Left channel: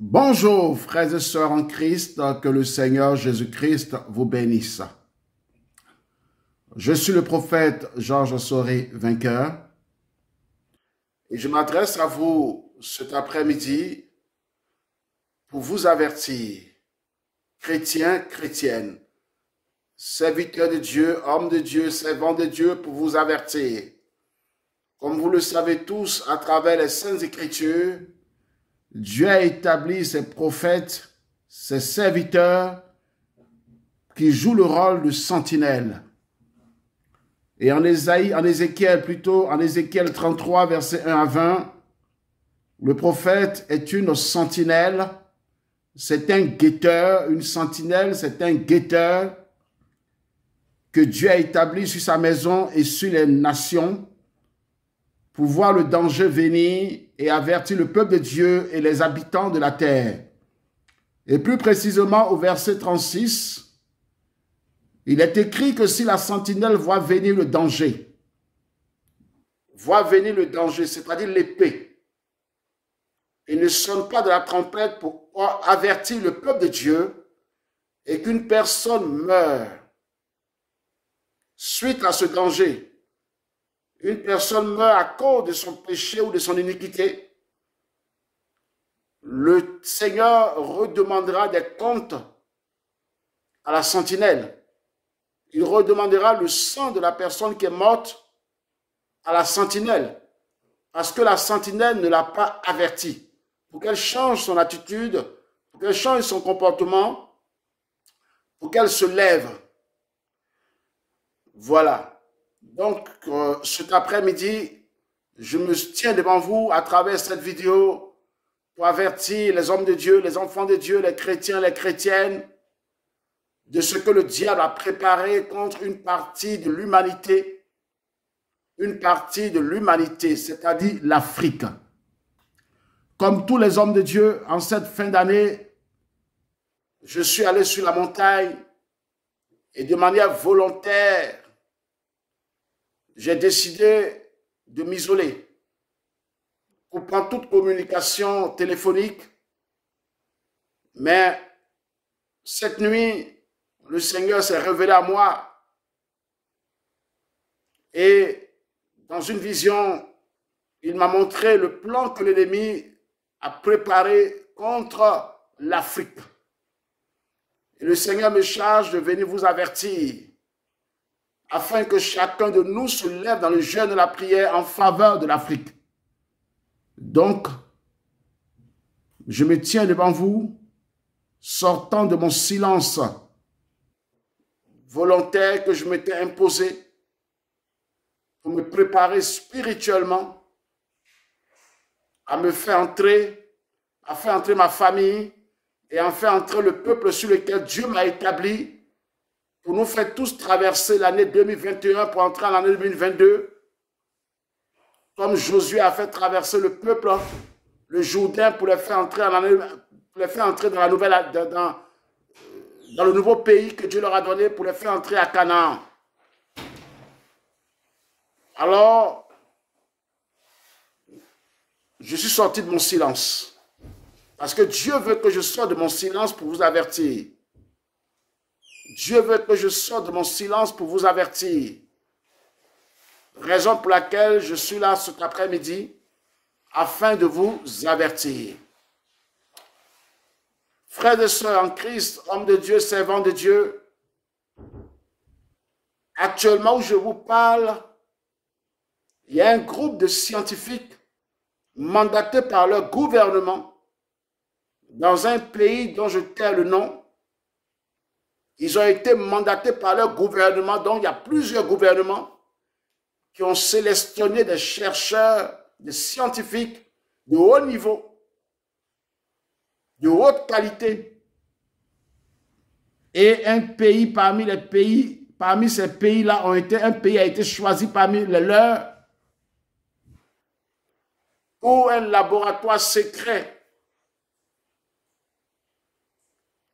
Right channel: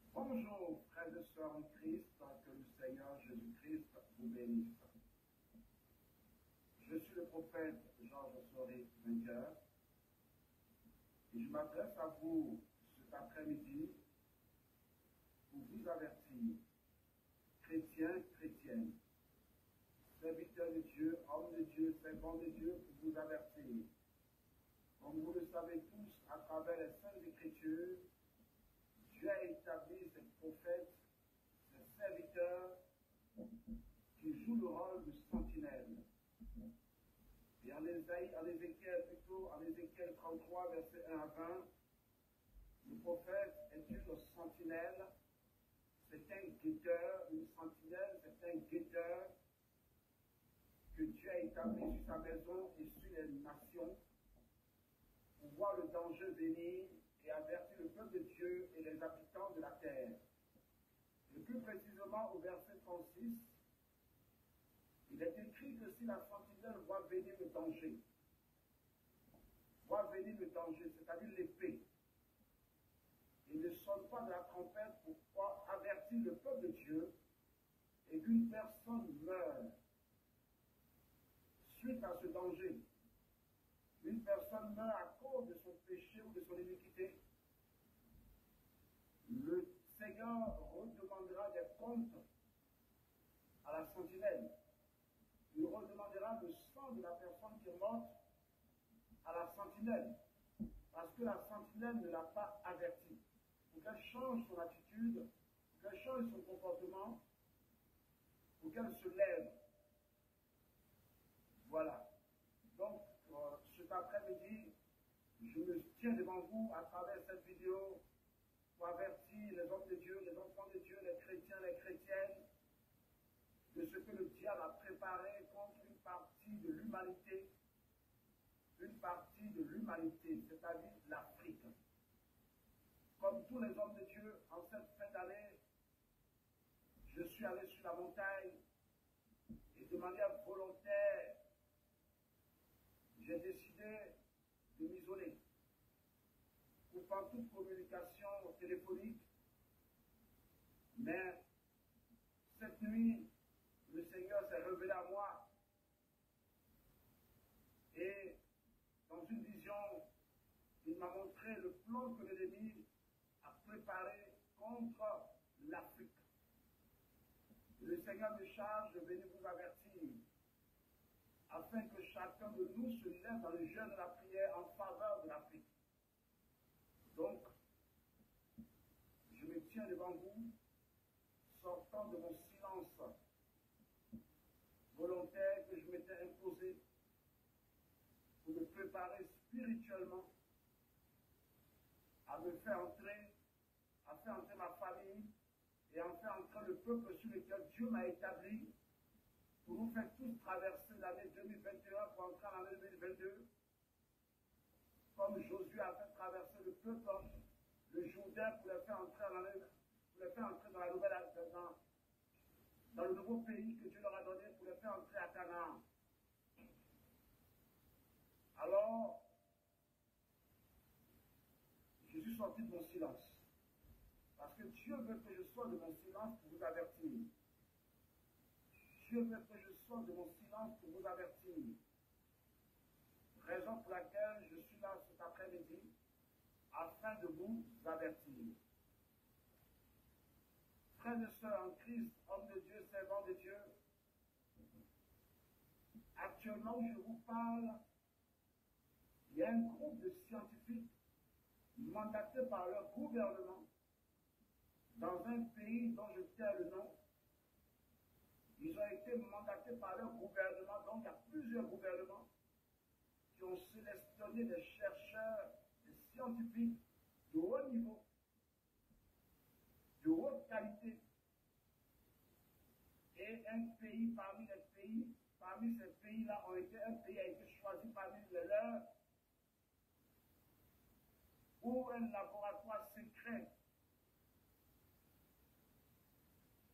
Bonjour, frères et sœurs en Christ, que le Seigneur Jésus-Christ vous bénisse. Je suis le prophète Georges Soré, vainqueur, et je m'adresse à vous cet après-midi pour vous avertir, chrétiens, chrétiennes, serviteurs de Dieu, hommes de Dieu, servants de Dieu, pour vous avertir. Comme vous le savez tous, à travers les Saintes Écritures, Dieu a établi ses prophètes, ses serviteurs, qui jouent le rôle de sentinelle. Et en Ézéchiel 33, versets 1 à 20, le prophète est une sentinelle, c'est un guetteur, une sentinelle, c'est un guetteur que Dieu a établi sur sa maison et sur les nations pour voir le danger venir et avertir le peuple de Dieu et les habitants de la terre. Et plus précisément au verset 36, il est écrit que si la sentinelle voit venir le danger, c'est-à-dire l'épée, il ne sonne pas de la trompette pour avertir le peuple de Dieu et qu'une personne meurt suite à ce danger, une personne meurt à cause de son péché ou de son iniquité, le Seigneur redemandera des comptes à la sentinelle. Il redemandera le sang de la personne qui est morte à la sentinelle, parce que la sentinelle ne l'a pas averti, pour qu'elle change son attitude, pour qu'elle change son comportement, pour qu'elle se lève. Voilà. Donc, cet après-midi, je me tiens devant vous à travers cette vidéo pour avertir les hommes de Dieu, les enfants de Dieu, les chrétiens, les chrétiennes, de ce que le diable a préparé contre une partie de l'humanité, c'est-à-dire l'Afrique. Comme tous les hommes de Dieu, en cette fin d'année, je suis allé sur la montagne et de manière volontaire, j'ai décidé de m'isoler, coupant toute communication téléphonique. Mais cette nuit, le Seigneur s'est révélé à moi et dans une vision, il m'a montré le plan que l'ennemi a préparé contre l'Afrique. Et le Seigneur me charge de venir vous avertir afin que chacun de nous se lève dans le jeûne de la prière en faveur de l'Afrique. Donc, je me tiens devant vous, sortant de mon silence volontaire que je m'étais imposé pour me préparer spirituellement à me faire entrer, à faire entrer ma famille et à faire entrer le peuple sur lequel Dieu m'a établi pour nous faire tous traverser l'année 2021 pour entrer en l'année 2022, comme Josué a fait traverser le peuple, le Jourdain, pour les faire entrer dans le nouveau pays que Dieu leur a donné, pour les faire entrer à Canaan. Alors, je suis sorti de mon silence, parce que Dieu veut que je sorte de mon silence pour vous avertir. Dieu veut que je sorte de mon silence pour vous avertir. Raison pour laquelle je suis là cet après-midi, afin de vous avertir. Frères et sœurs en Christ, hommes de Dieu, servants de Dieu, actuellement où je vous parle, il y a un groupe de scientifiques mandatés par leur gouvernement dans un pays dont je tais le nom. Ils ont été mandatés par leur gouvernement, donc il y a plusieurs gouvernements qui ont sélectionné des chercheurs, des scientifiques de haut niveau, de haute qualité. Et un pays parmi ces pays-là, un pays a été choisi parmi les leurs, où un laboratoire secret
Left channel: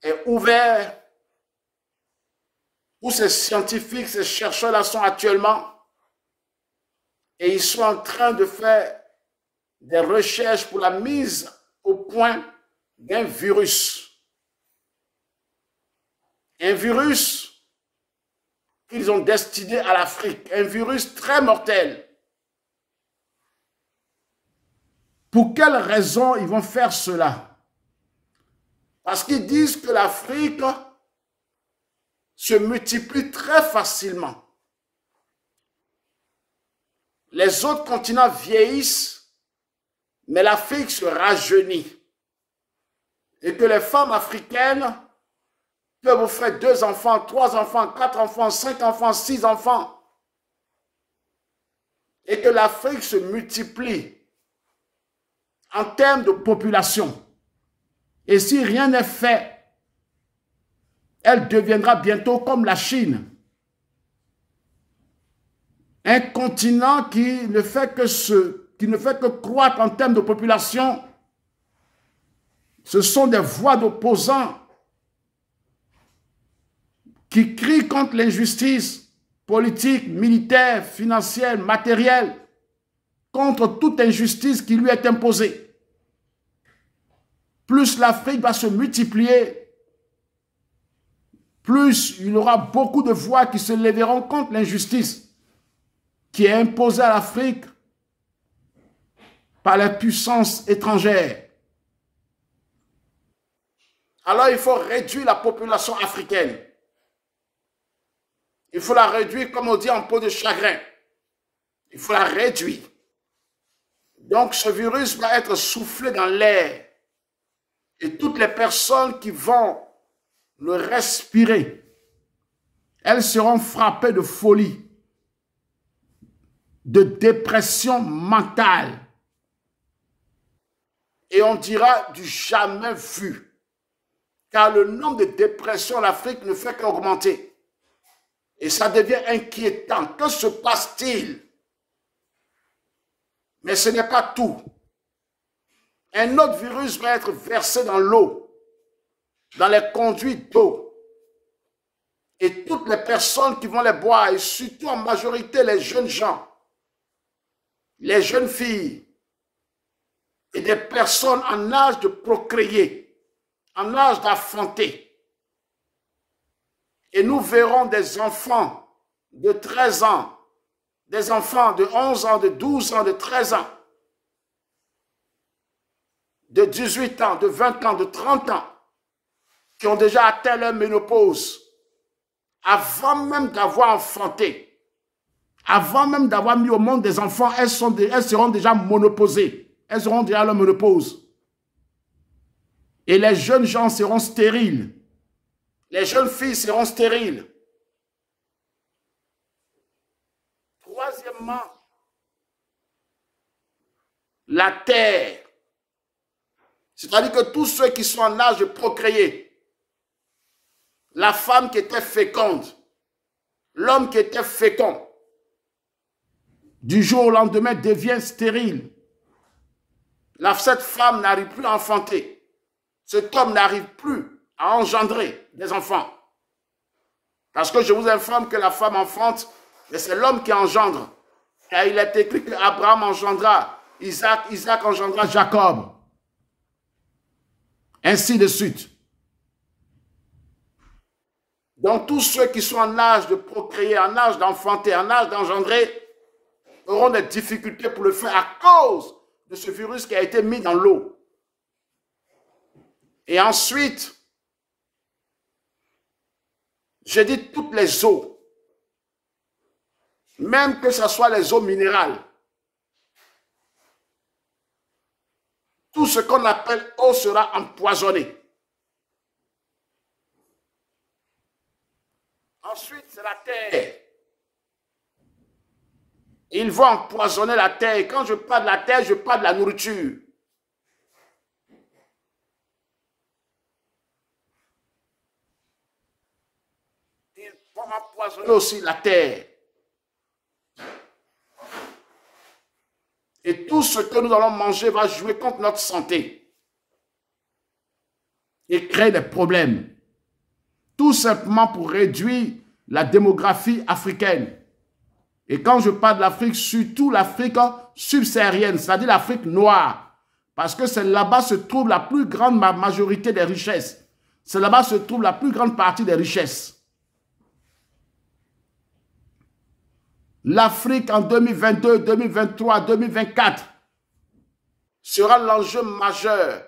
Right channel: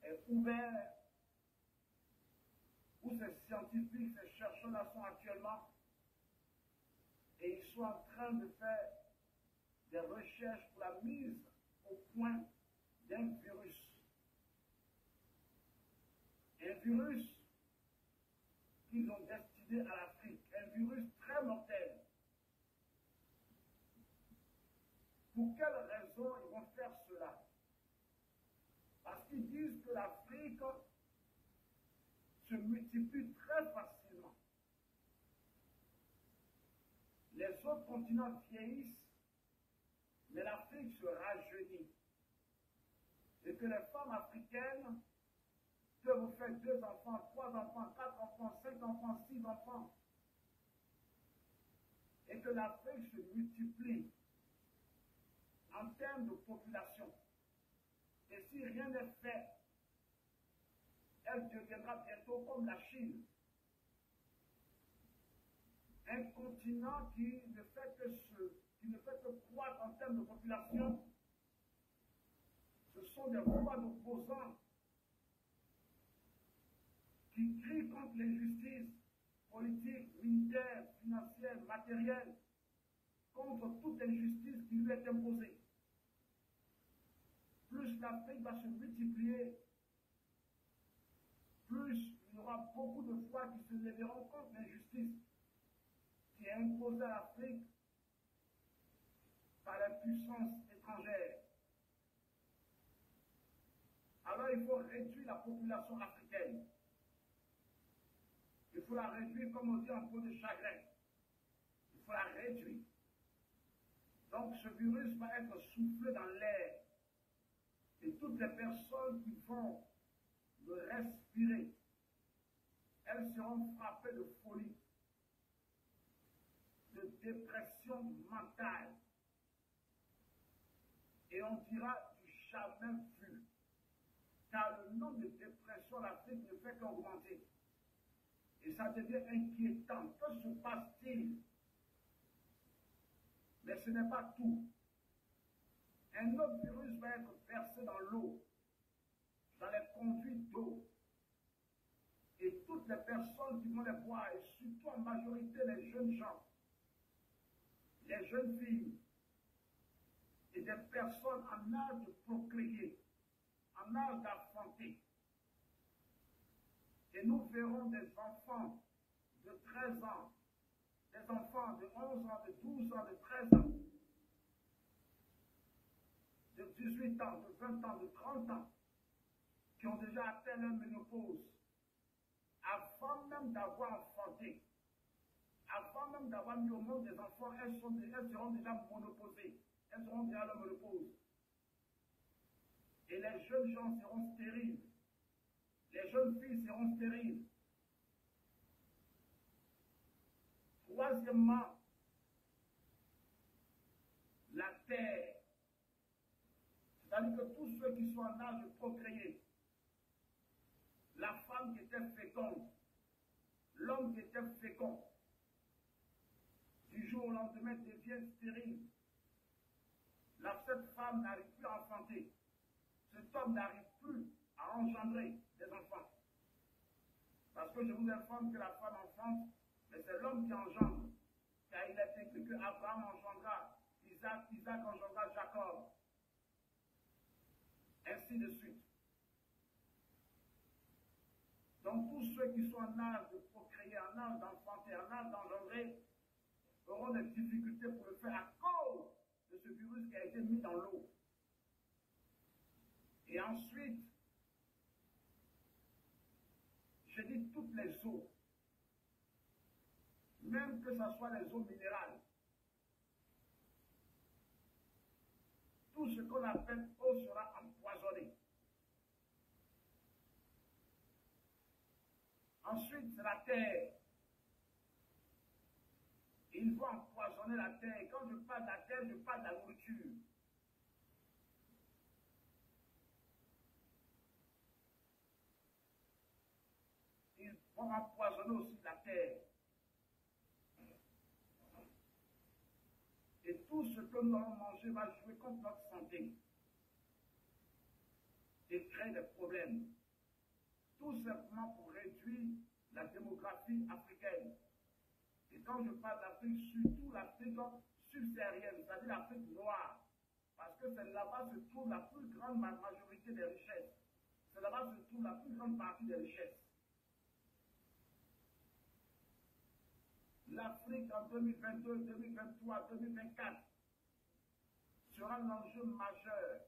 est ouvert, où ces scientifiques, ces chercheurs-là sont actuellement, et ils sont en train de faire des recherches pour la mise au point d'un virus. Un virus qu'ils ont destiné à l'Afrique, un virus très mortel. Pour quelle raison ils vont faire cela? Parce qu'ils disent que l'Afrique se multiplie très facilement. Les autres continents vieillissent, mais l'Afrique se rajeunit. Et que les femmes africaines peuvent vous faire 2 enfants, 3 enfants, 4 enfants, 5 enfants, 6 enfants. Et que l'Afrique se multiplie en termes de population. Et si rien n'est fait, elle deviendra bientôt comme la Chine. Un continent qui ne fait que croître en termes de population. Ce sont des voix d'opposants qui crient contre l'injustice politique, militaire, financière, matérielle, contre toute injustice qui lui est imposée. Plus l'Afrique va se multiplier, plus il y aura beaucoup de voix qui se lèveront contre l'injustice qui est imposée à l'Afrique par les puissances étrangères. Alors il faut réduire la population africaine. Il faut la réduire, comme on dit, en peau de chagrin. Il faut la réduire. Donc ce virus va être soufflé dans l'air. Et toutes les personnes qui vont le respirer, elles seront frappées de folie, de dépression mentale. Et on dira du jamais vu. Car le nombre de dépressions en Afrique ne fait qu'augmenter. Et ça devient inquiétant. Que se passe-t-il? Mais ce n'est pas tout. Un autre virus va être versé dans l'eau, dans les conduits d'eau. Et toutes les personnes qui vont les boire, et surtout en majorité les jeunes gens, les jeunes filles et des personnes en âge de procréer, en âge d'enfanter. Et nous verrons des enfants de 13 ans, des enfants de 11 ans, de 12 ans, de 13 ans, de 18 ans, de 20 ans, de 30 ans, qui ont déjà atteint leur ménopause, avant même d'avoir enfanté, avant même d'avoir mis au monde des enfants, elles seront déjà monopausées, elles auront déjà leur ménopause. Et les jeunes gens seront stériles. Les jeunes filles seront stériles. Troisièmement, la terre. C'est-à-dire que tous ceux qui sont en âge de procréer, la femme qui était féconde, l'homme qui était fécond, du jour au lendemain devient stérile. Cette femme n'arrive plus à enfanter. Cet homme n'arrive plus à engendrer des enfants. Parce que je vous informe que la femme enfante, c'est l'homme qui engendre. Car il est écrit qu'Abraham engendra Isaac, Isaac engendra Jacob. Ainsi de suite. Donc tous ceux qui sont en âge de procréer, en âge d'enfanter, en âge d'engendrer, auront des difficultés pour le faire à cause de ce virus qui a été mis dans l'eau. Et ensuite, j'ai dit toutes les eaux, même que ce soit les eaux minérales, tout ce qu'on appelle eau sera empoisonné. Ensuite, c'est la terre. Ils vont empoisonner la terre. Et quand je parle de la terre, je parle de la nourriture. Ils vont empoisonner aussi la terre. Et tout ce que nous allons manger va jouer contre notre santé. Et créer des problèmes. Tout simplement pour réduire la démographie africaine. Et quand je parle de l'Afrique, surtout l'Afrique subsaharienne, c'est-à-dire l'Afrique noire. Parce que c'est là-bas se trouve la plus grande majorité des richesses. C'est là-bas se trouve la plus grande partie des richesses. L'Afrique en 2022, 2023, 2024 sera l'enjeu majeur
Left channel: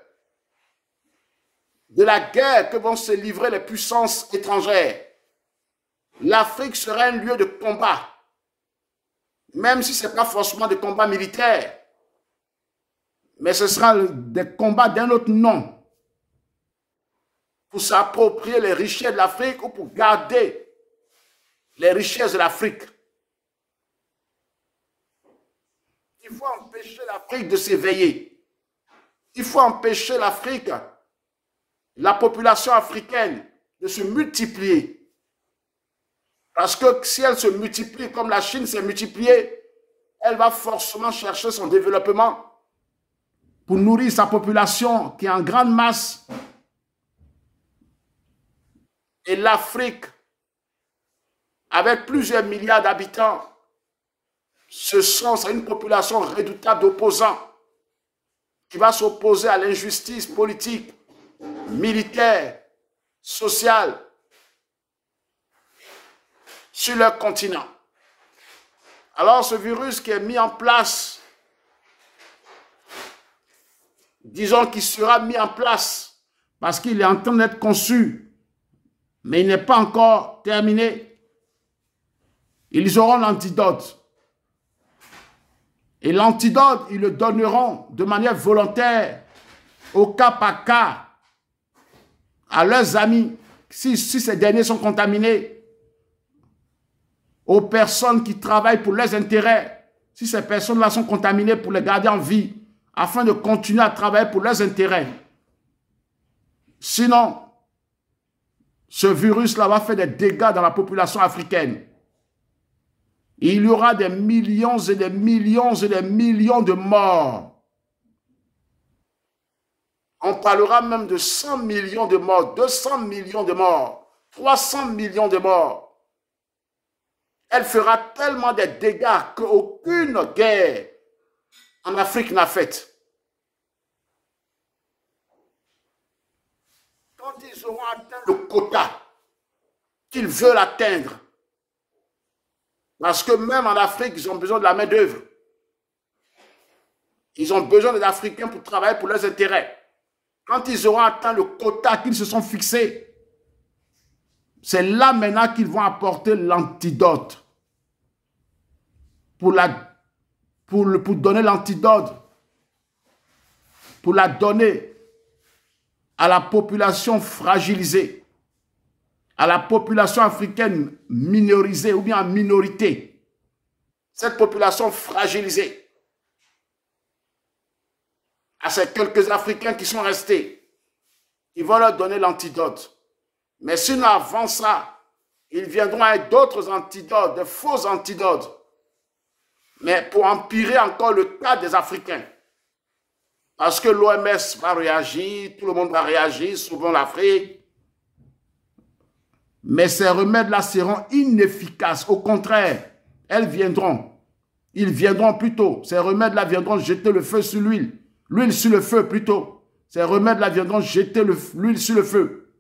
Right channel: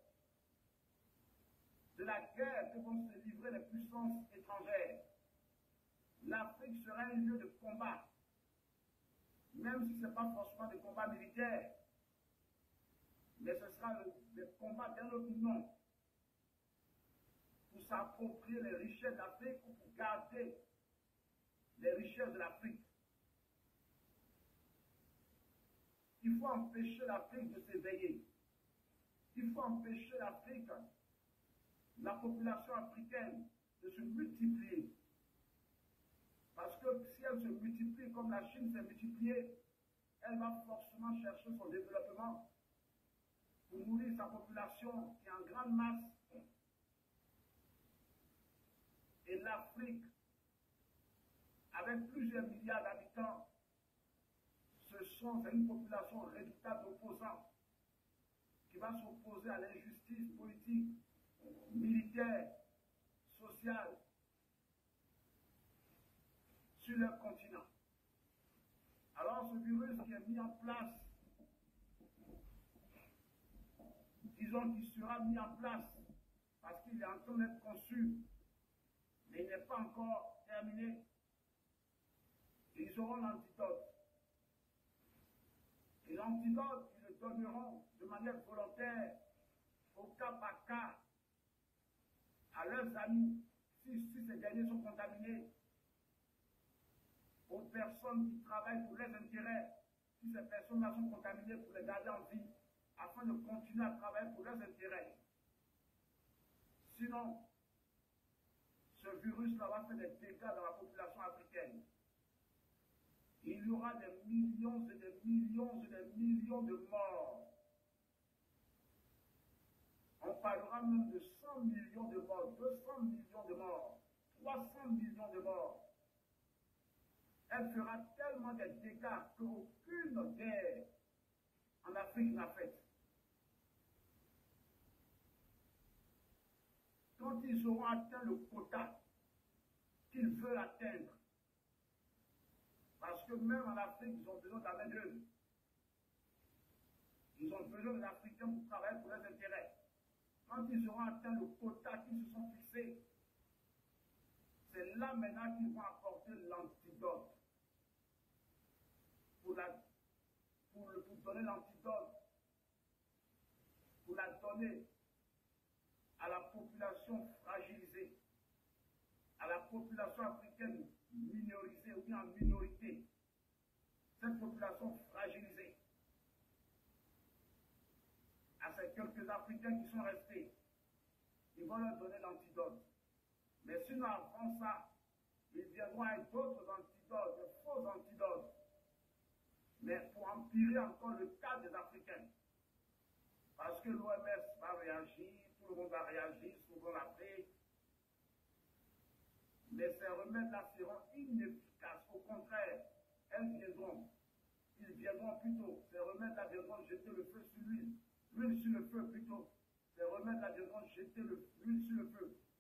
de la guerre que vont se livrer les puissances étrangères. L'Afrique sera un lieu de combat, même si ce n'est pas forcément des combats militaires, mais ce sera des combats d'un autre nom, pour s'approprier les richesses de l'Afrique ou pour garder les richesses de l'Afrique. Il faut empêcher l'Afrique de s'éveiller. Il faut empêcher l'Afrique, la population africaine, de se multiplier. Parce que si elle se multiplie comme la Chine s'est multipliée, elle va forcément chercher son développement pour nourrir sa population qui est en grande masse. Et l'Afrique, avec plusieurs milliards d'habitants, ce sont une population redoutable d'opposants qui va s'opposer à l'injustice politique, militaire, sociale sur leur continent. Alors ce virus qui est mis en place, disons qu'il sera mis en place parce qu'il est en train d'être conçu, mais il n'est pas encore terminé. Ils auront l'antidote. Et l'antidote, ils le donneront de manière volontaire, au cas par cas, à leurs amis, si ces derniers sont contaminés, aux personnes qui travaillent pour leurs intérêts, si ces personnes-là sont contaminées pour les garder en vie, afin de continuer à travailler pour leurs intérêts. Sinon, ce virus-là va faire des dégâts dans la population africaine. Il y aura des millions et des millions et des millions de morts. On parlera même de 100 millions de morts, 200 millions de morts, 300 millions de morts. Elle fera tellement de dégâts qu'aucune guerre en Afrique n'a fait. Quand ils auront atteint le quota qu'ils veulent atteindre, parce que même en Afrique, ils ont besoin de la main-d'œuvre. Ils ont besoin des Africains pour travailler pour leurs intérêts. Quand ils auront atteint le quota qu'ils se sont fixés, c'est là maintenant qu'ils vont apporter l'antidote. Pour donner l'antidote, pour la donner à la population fragilisée, à la population africaine minorisée ou bien en minorité, cette population fragilisée, à ces quelques Africains qui sont restés, ils vont leur donner l'antidote. Mais sinon, avant ça, ils viendront avec d'autres antidotes, de faux antidotes, mais pour empirer encore le cas des Africains. Parce que l'OMS va réagir, tout le monde va réagir, souvent l'Afrique. Mais ces remèdes-là seront inefficaces. Au contraire, ils viendront plutôt. Ces remèdes-là viendront jeter le feu sur l'huile. L'huile sur le feu plutôt. Ces remèdes-là viendront jeter l'huile sur le feu.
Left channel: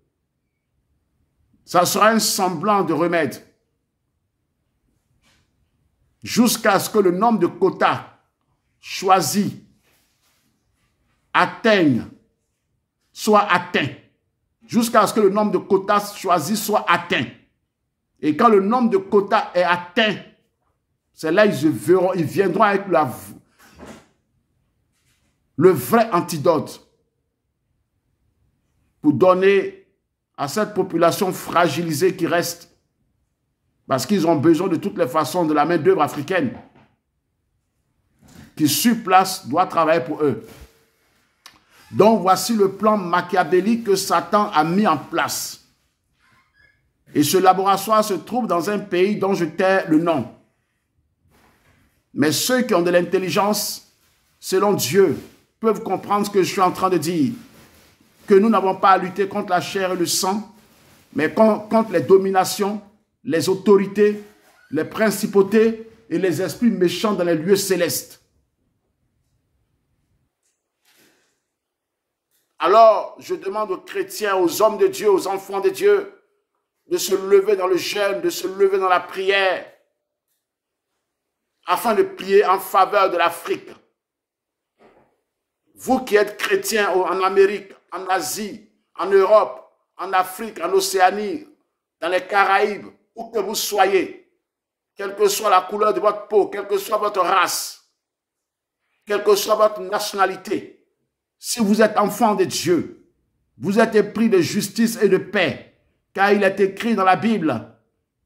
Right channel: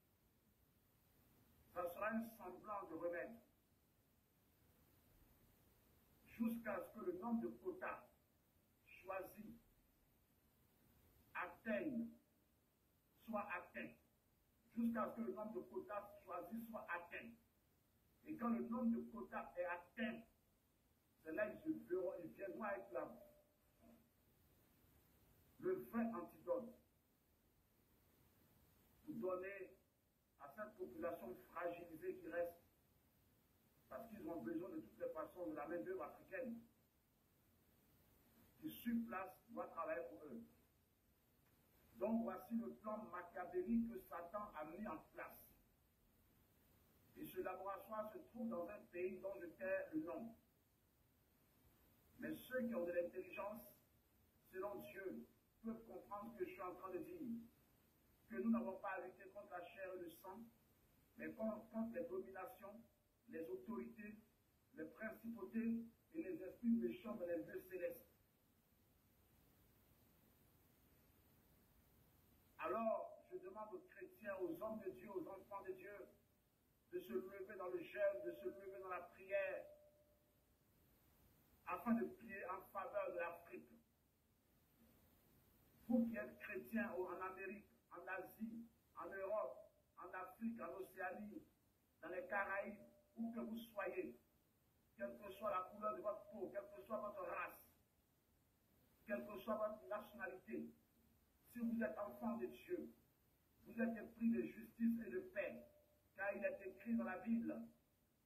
Ça sera un semblant de remède. Jusqu'à ce que le nombre de quotas choisis soit atteint. Jusqu'à ce que le nombre de quotas choisis soit atteint. Et quand le nombre de quotas est atteint, c'est là ils viendront avec le vrai antidote pour donner à cette population fragilisée qui reste, parce qu'ils ont besoin de toutes les façons de la main-d'œuvre africaine qui sur place doit travailler pour eux. Donc voici le plan machiavélique que Satan a mis en place. Et ce laboratoire se trouve dans un pays dont je tais le nom. Mais ceux qui ont de l'intelligence, selon Dieu, peuvent comprendre ce que je suis en train de dire. Que nous n'avons pas à lutter contre la chair et le sang, mais contre les dominations, les autorités, les principautés et les esprits méchants dans les lieux célestes. Alors, je demande aux chrétiens, aux hommes de Dieu, aux enfants de Dieu, de se lever dans le jeûne, de se lever dans la prière, afin de prier en faveur de l'Afrique. Vous qui êtes chrétiens en Amérique, en Asie, en Europe, en Afrique, en Océanie, dans les Caraïbes, où que vous soyez, quelle que soit la couleur de votre peau, quelle que soit votre race, quelle que soit votre nationalité, si vous êtes enfant de Dieu, vous êtes épris de justice et de paix, car il est écrit dans la Bible,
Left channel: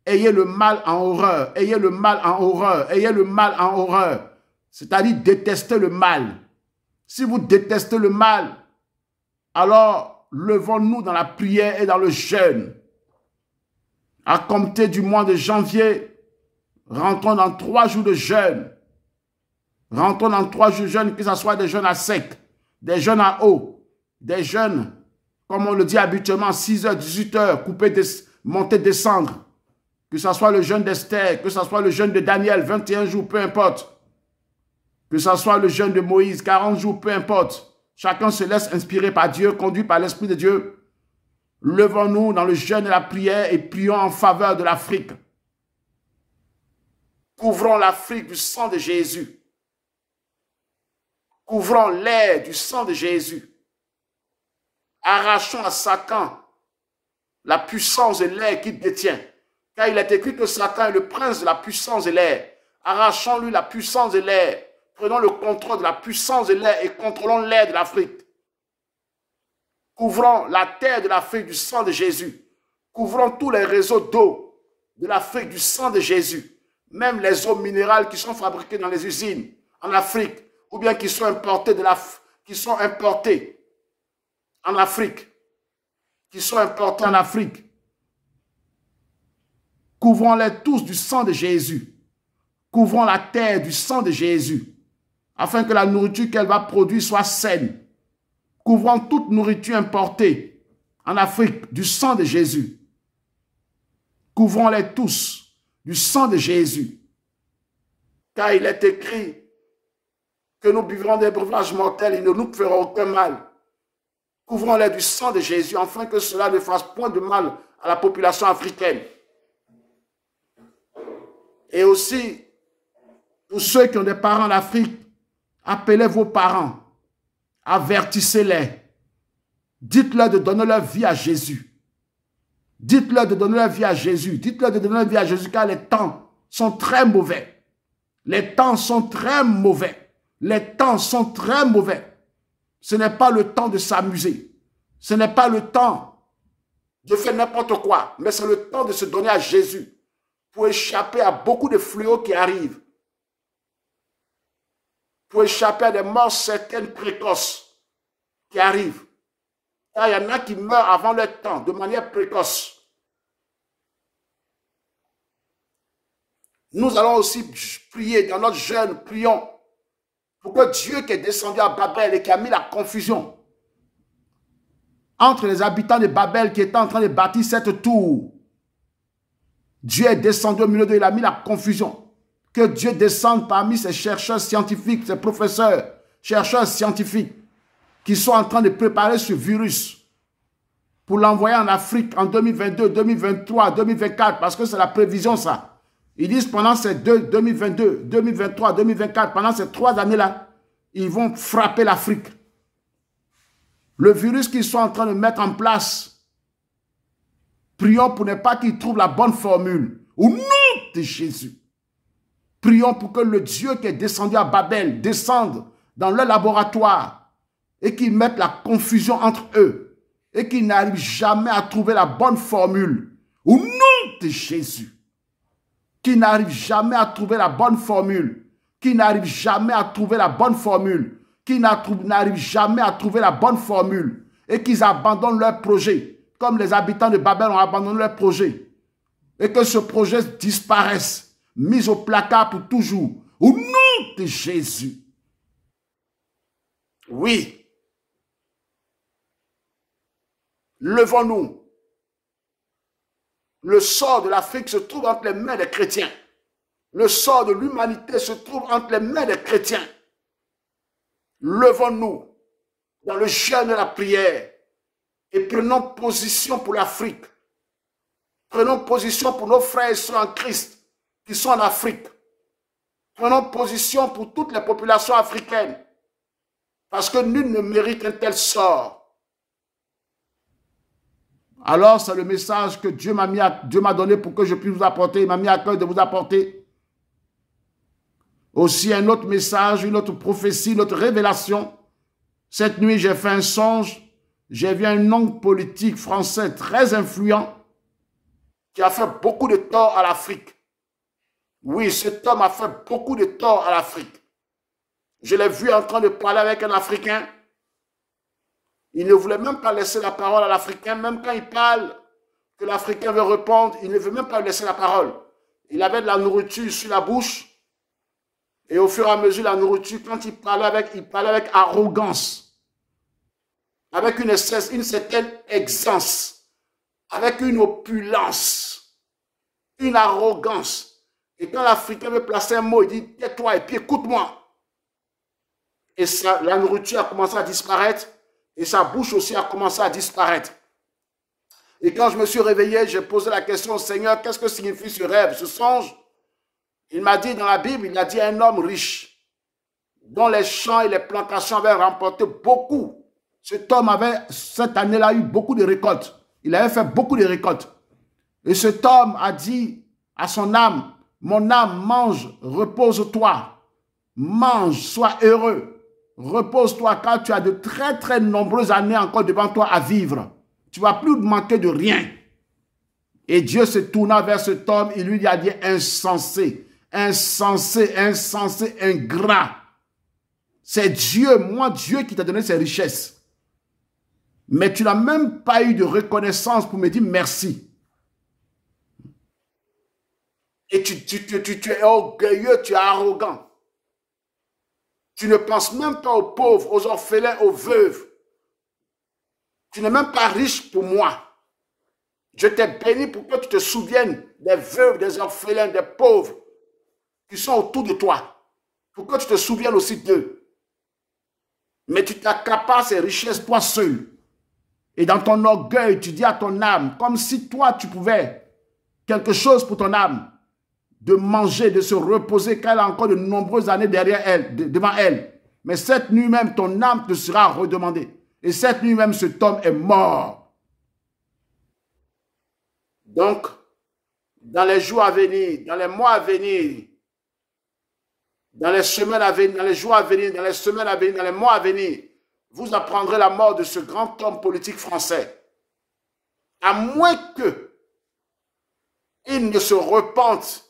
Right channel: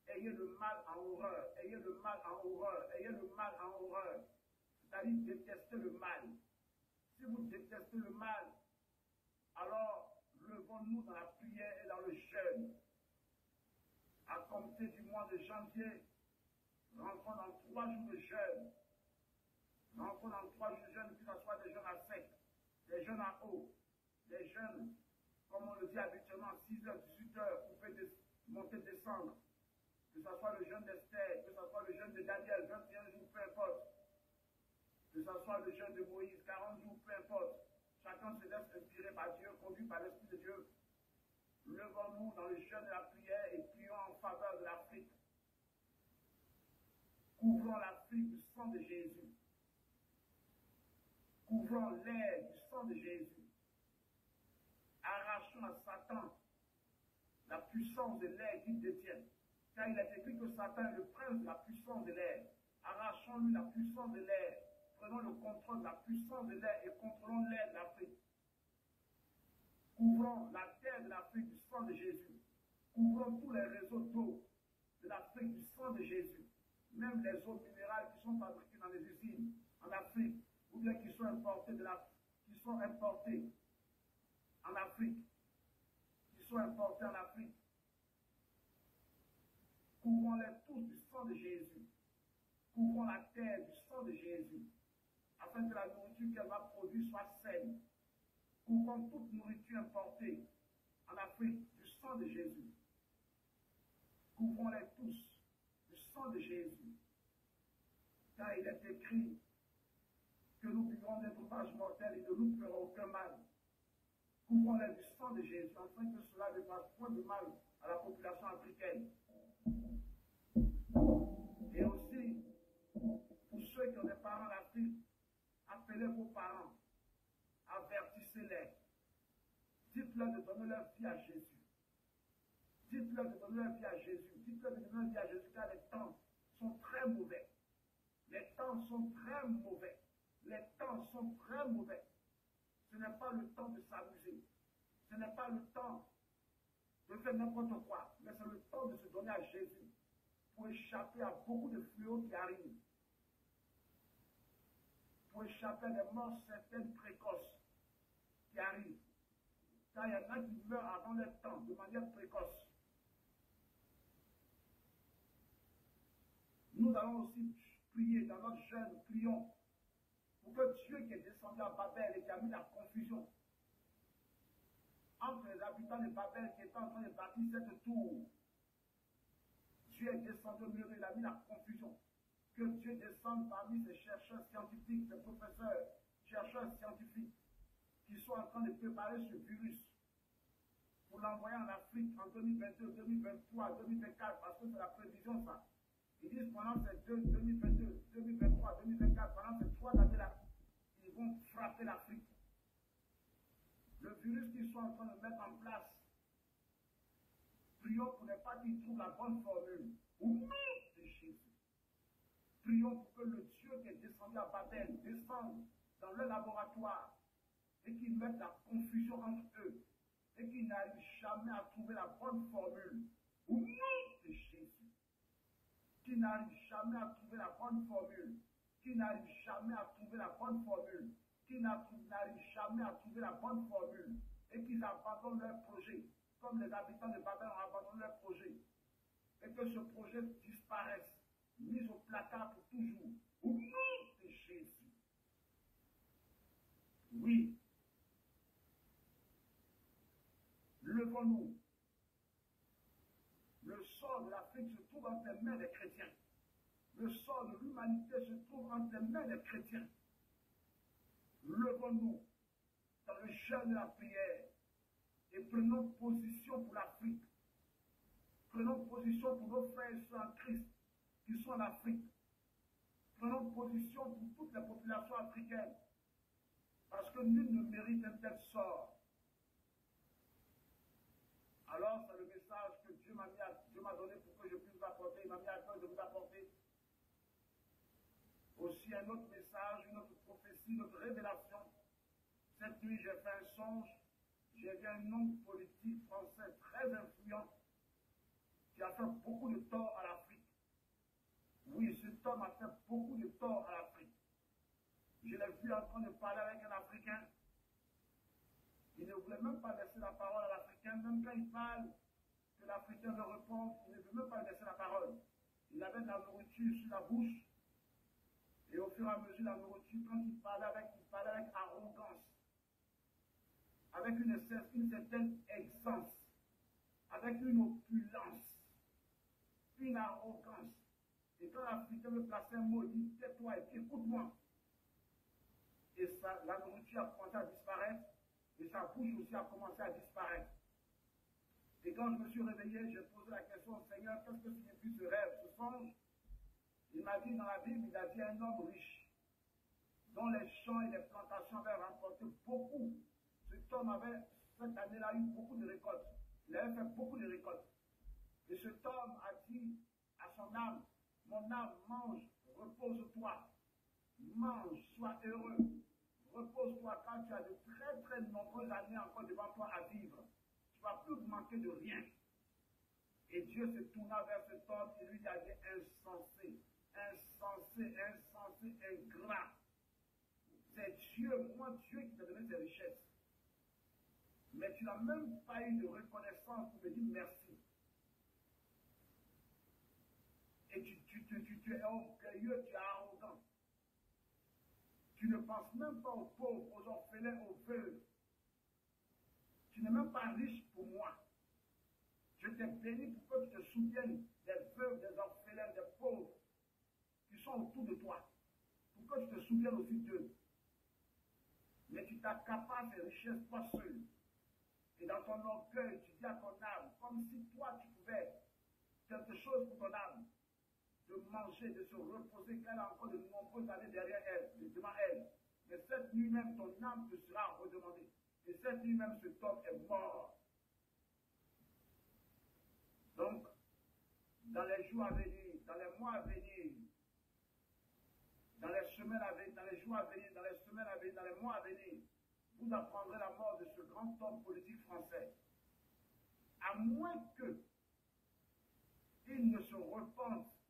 ayez le mal en horreur, ayez le mal en horreur, ayez le mal en horreur, c'est-à-dire détestez le mal. Si vous détestez le mal, alors levons-nous dans la prière et dans le jeûne. À compter du mois de janvier, rentrons dans 3 jours de jeûne. Rentrons dans 3 jours de jeûne, que ce soit des jeûnes à sec, des jeûnes à eau, des jeûnes, comme on le dit habituellement, 6h, 18h, couper, monter, descendre. Que ce soit le jeûne d'Esther, que ce soit le jeûne de Daniel, 21 jours, peu importe. Que ce soit le jeûne de Moïse, 40 jours, peu importe. Chacun se laisse inspirer par Dieu, conduit par l'Esprit de Dieu. Levons-nous dans le jeûne et la prière et prions en faveur de l'Afrique. Couvrons l'Afrique du sang de Jésus. Couvrons l'air du sang de Jésus. Arrachons à Satan la puissance de l'air qu'il détient. Car il est écrit que Satan est le prince de la puissance de l'air. Arrachons-lui la puissance de l'air. Prenons le contrôle de la puissance de l'air et contrôlons l'air de l'Afrique. Couvrons la terre de l'Afrique du sang de Jésus. Couvrons tous les réseaux d'eau de l'Afrique du sang de Jésus. Même les eaux minérales qui sont fabriquées dans les usines en Afrique ou bien qui sont importées en Afrique. Couvrons-les tous du sang de Jésus. Couvrons la terre du sang de Jésus, afin que la nourriture qu'elle va produire soit saine. Couvrons toute nourriture importée en Afrique du sang de Jésus. Couvrons-les tous du sang de Jésus. Car il est écrit que nous buvrons des breuvages mortels, ils ne nous feront aucun mal. Couvrons-les du sang de Jésus, afin que cela ne fasse point de mal à la population africaine. Et aussi, pour ceux qui ont des parents en Afrique, appelez vos parents, avertissez-les, dites-leur de donner leur vie à Jésus. Dites-leur de donner leur vie à Jésus. Dites-leur de donner leur vie à Jésus, car les temps sont très mauvais. Les temps sont très mauvais. Les temps sont très mauvais. Ce n'est pas le temps de s'amuser. Ce n'est pas le temps de faire n'importe quoi, mais c'est le temps de se donner à Jésus pour échapper à beaucoup de fléaux qui arrivent. Pour échapper à des morts certaines précoces qui arrivent. Car il y en a qui meurent avant leur temps, de manière précoce. Nous allons aussi prier dans notre jeûne, prions pour que Dieu qui est descendu à Babel et qui a mis la confusion entre les habitants de Babel qui étaient en train de bâtir cette tour. Dieu est descendu au milieu d'eux, il a mis la confusion. Que Dieu descende parmi ces chercheurs scientifiques, ces professeurs, chercheurs scientifiques qui sont en train de préparer ce virus pour l'envoyer en Afrique en 2022, 2023, 2024, parce que c'est la prévision ça. Ils disent pendant ces 2022, 2023, 2024, pendant ces 3 années-là, ils vont frapper l'Afrique. Le virus qu'ils sont en train de mettre en place, prions pour ne pas qu'ils trouvent la bonne formule. Au nom de Jésus. Prions pour que le Dieu qui est descendu à Babel descende dans leur laboratoire et qu'il mette la confusion entre eux et qu'ils n'arrivent jamais à trouver la bonne formule. Au nom de Jésus. Qui n'arrive jamais à trouver la bonne formule, qui n'arrive jamais à trouver la bonne formule, qui n'arrive jamais à trouver la bonne formule et qu'ils abandonnent leur projet, comme les habitants de Babel ont abandonné leur projet, et que ce projet disparaisse, mis au placard pour toujours, au nom de Jésus. Oui. Levons-nous. Le sort de l'Afrique se trouve entre les mains des chrétiens. Le sort de l'humanité se trouve entre les mains des chrétiens. Levons-nous dans le jeûne et la prière. Et prenons position pour l'Afrique. Prenons position pour nos frères et sœurs en Christ qui sont en Afrique. Prenons position pour toutes les populations africaines. Parce que nul ne mérite un tel sort. Alors, c'est le message que Dieu m'a donné pour que je puisse vous apporter. Il m'a mis à cœur de vous apporter. Aussi un autre message, une autre prophétie, une autre révélation. Cette nuit, j'ai fait un songe. J'ai vu un homme politique français très influent qui a fait beaucoup de tort à l'Afrique. Oui, cet homme a fait beaucoup de tort à l'Afrique. Je l'ai vu en train de parler avec un Africain. Il ne voulait même pas laisser la parole à l'Africain. Même quand il parle, que l'Africain veut répondre, il ne veut même pas laisser la parole. Il avait de la nourriture sur la bouche. Et au fur et à mesure, la nourriture, quand il parlait avec arrogance. Avec une certaine aisance. Avec une opulence. Une arrogance. Et quand l'Africain veut placer un mot, il dit, tais-toi et puis écoute-moi. Et ça, la nourriture a commencé à disparaître. Et sa bouche aussi a commencé à disparaître. Et quand je me suis réveillé, j'ai posé la question au Seigneur, qu'est-ce que signifie ce rêve, ce songe? Il m'a dit dans la Bible, il a dit un homme riche, dont les champs et les plantations avaient remporté beaucoup. Cet homme avait, cette année-là, eu beaucoup de récoltes. Il avait fait beaucoup de récoltes. Et cet homme a dit à son âme, mon âme, mange, repose-toi. Mange, sois heureux. Repose-toi car tu as de très très nombreuses années encore devant toi à vivre. Tu ne vas plus manquer de rien. Et Dieu se tourna vers cet homme et lui a dit insensé, insensé, insensé, ingrat. C'est Dieu, moi Dieu qui t'a donné ces richesses. Mais tu n'as même pas eu de reconnaissance pour me dire merci. Et tu es orgueilleux, tu es arrogant. Tu ne penses même pas aux pauvres, aux orphelins, aux veuves. Tu n'es même pas riche pour moi. Je t'ai béni pour que tu te souviennes des veuves, des orphelins, des pauvres qui sont autour de toi. Pour que tu te souviennes aussi d'eux. Mais tu t'accapares ces richesses toi seul. Et dans ton orgueil, tu dis à ton âme, comme si toi tu pouvais quelque chose pour ton âme. De manger, de se reposer, car elle a encore de nombreuses années derrière elle, devant elle. Mais cette nuit même, ton âme te sera redemandée. Et cette nuit même, cet homme est mort. Donc, dans les jours à venir, dans les mois à venir, dans les semaines à venir, dans les jours à venir, dans les semaines à venir, dans les mois à venir, vous apprendrez la mort de ce grand homme politique français. À moins qu'il ne se repente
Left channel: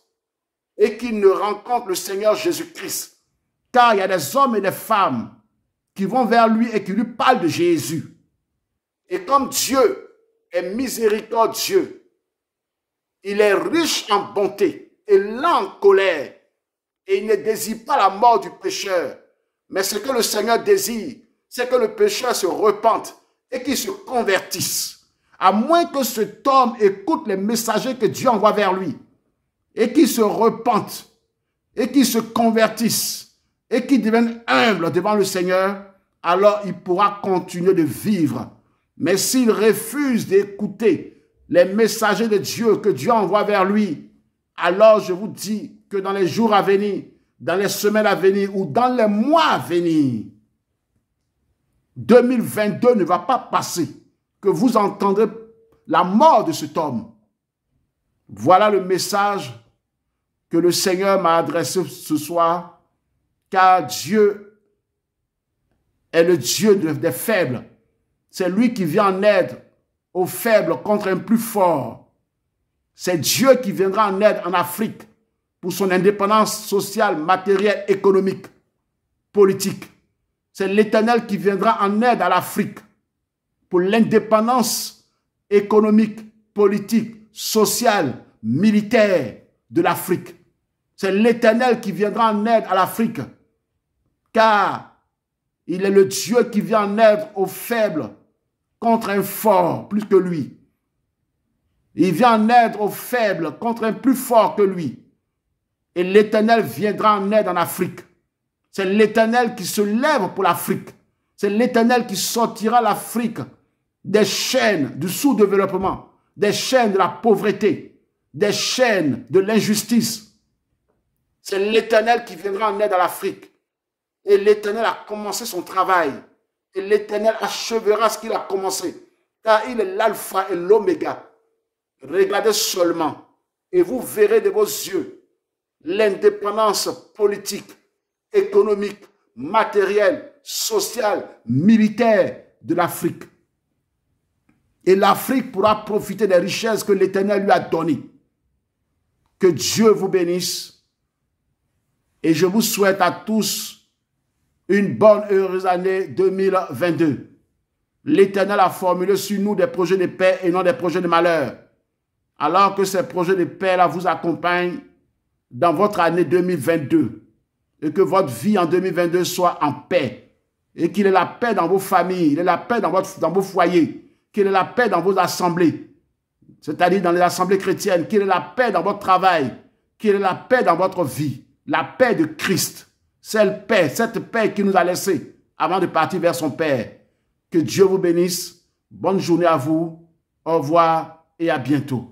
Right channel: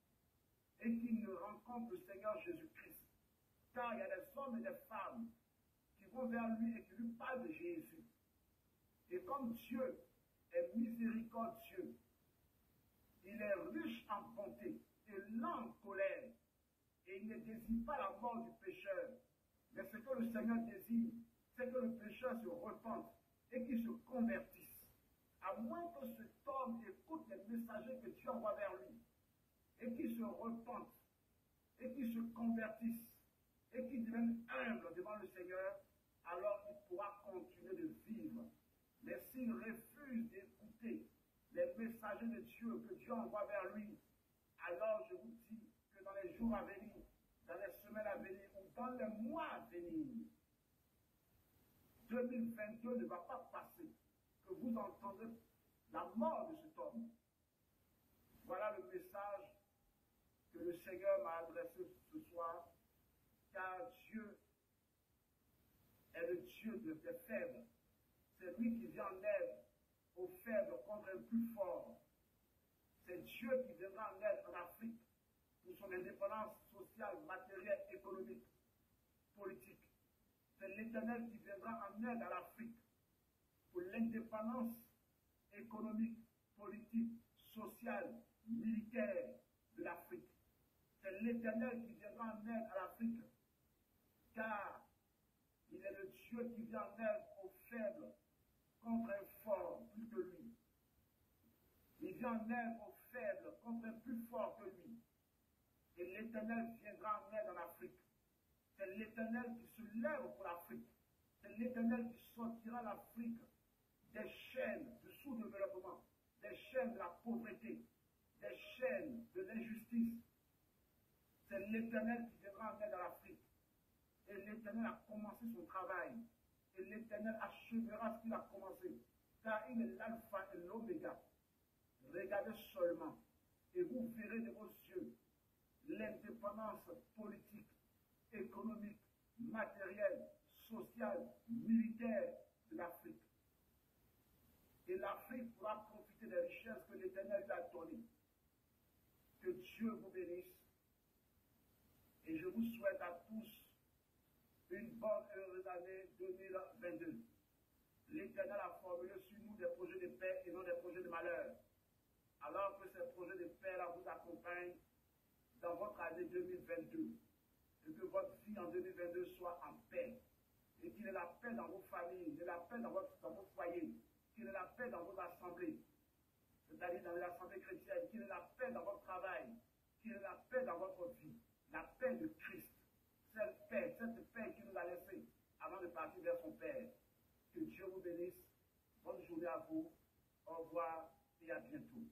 et qu'il ne rencontre le Seigneur Jésus-Christ. Car il y a des hommes et des femmes qui vont vers lui et qui lui parlent de Jésus. Et comme Dieu est miséricordieux, il est riche en bonté et lent en colère. Et il ne désire pas la mort du pécheur. Mais ce que le Seigneur désire, c'est que le pécheur se repente et qu'il se convertisse. À moins que cet homme écoute les messagers que Dieu envoie vers lui. Et qui se repentent, et qui se convertissent, et qui deviennent humbles devant le Seigneur, alors il pourra continuer de vivre. Mais s'il refuse d'écouter les messagers de Dieu que Dieu envoie vers lui, alors je vous dis que dans les jours à venir, dans les semaines à venir ou dans les mois à venir, 2022 ne va pas passer que vous entendrez la mort de cet homme. Voilà le message que le Seigneur m'a adressé ce soir, car Dieu est le Dieu des faibles. C'est lui qui vient en aide aux faibles contre un plus fort. C'est Dieu qui viendra en aide en Afrique pour son indépendance sociale, matérielle, économique, politique. C'est l'Éternel qui viendra en aide à l'Afrique pour l'indépendance économique, politique, sociale, militaire de l'Afrique. C'est l'Éternel qui viendra en aide à l'Afrique, car il est le Dieu qui vient en aide aux faibles contre un fort plus que lui. Il vient en aide aux faibles contre un plus fort que lui. Et l'Éternel viendra en aide en Afrique. C'est l'Éternel qui se lève pour l'Afrique. C'est l'Éternel qui sortira l'Afrique des chaînes du sous-développement, des chaînes de la pauvreté, des chaînes de l'injustice. C'est l'Éternel qui viendra en aide à l'Afrique. Et l'Éternel a commencé son travail. Et l'Éternel achèvera ce qu'il a commencé. Car il est l'alpha et l'oméga. Regardez seulement et vous verrez de vos yeux l'indépendance politique, économique, matérielle, sociale, militaire de l'Afrique. Et l'Afrique pourra profiter des richesses que l'Éternel lui a données. Que Dieu vous bénisse. Et je vous souhaite à tous une bonne, heureuse année 2022. L'Éternel a formulé sur nous des projets de paix et non des projets de malheur. Alors que ces projets de paix-là vous accompagnent dans votre année 2022. Et que votre vie en 2022 soit en paix. Et qu'il ait la paix dans vos familles, il ait la paix dans vos foyers, qu'il ait la paix dans vos assemblées, c'est-à-dire dans les assemblées chrétiennes, qu'il ait la paix dans votre travail, qu'il ait la paix dans votre vie. La paix de Christ, cette paix qu'il nous a laissée avant de partir vers son Père. Que Dieu vous bénisse. Bonne journée à vous. Au revoir et à bientôt.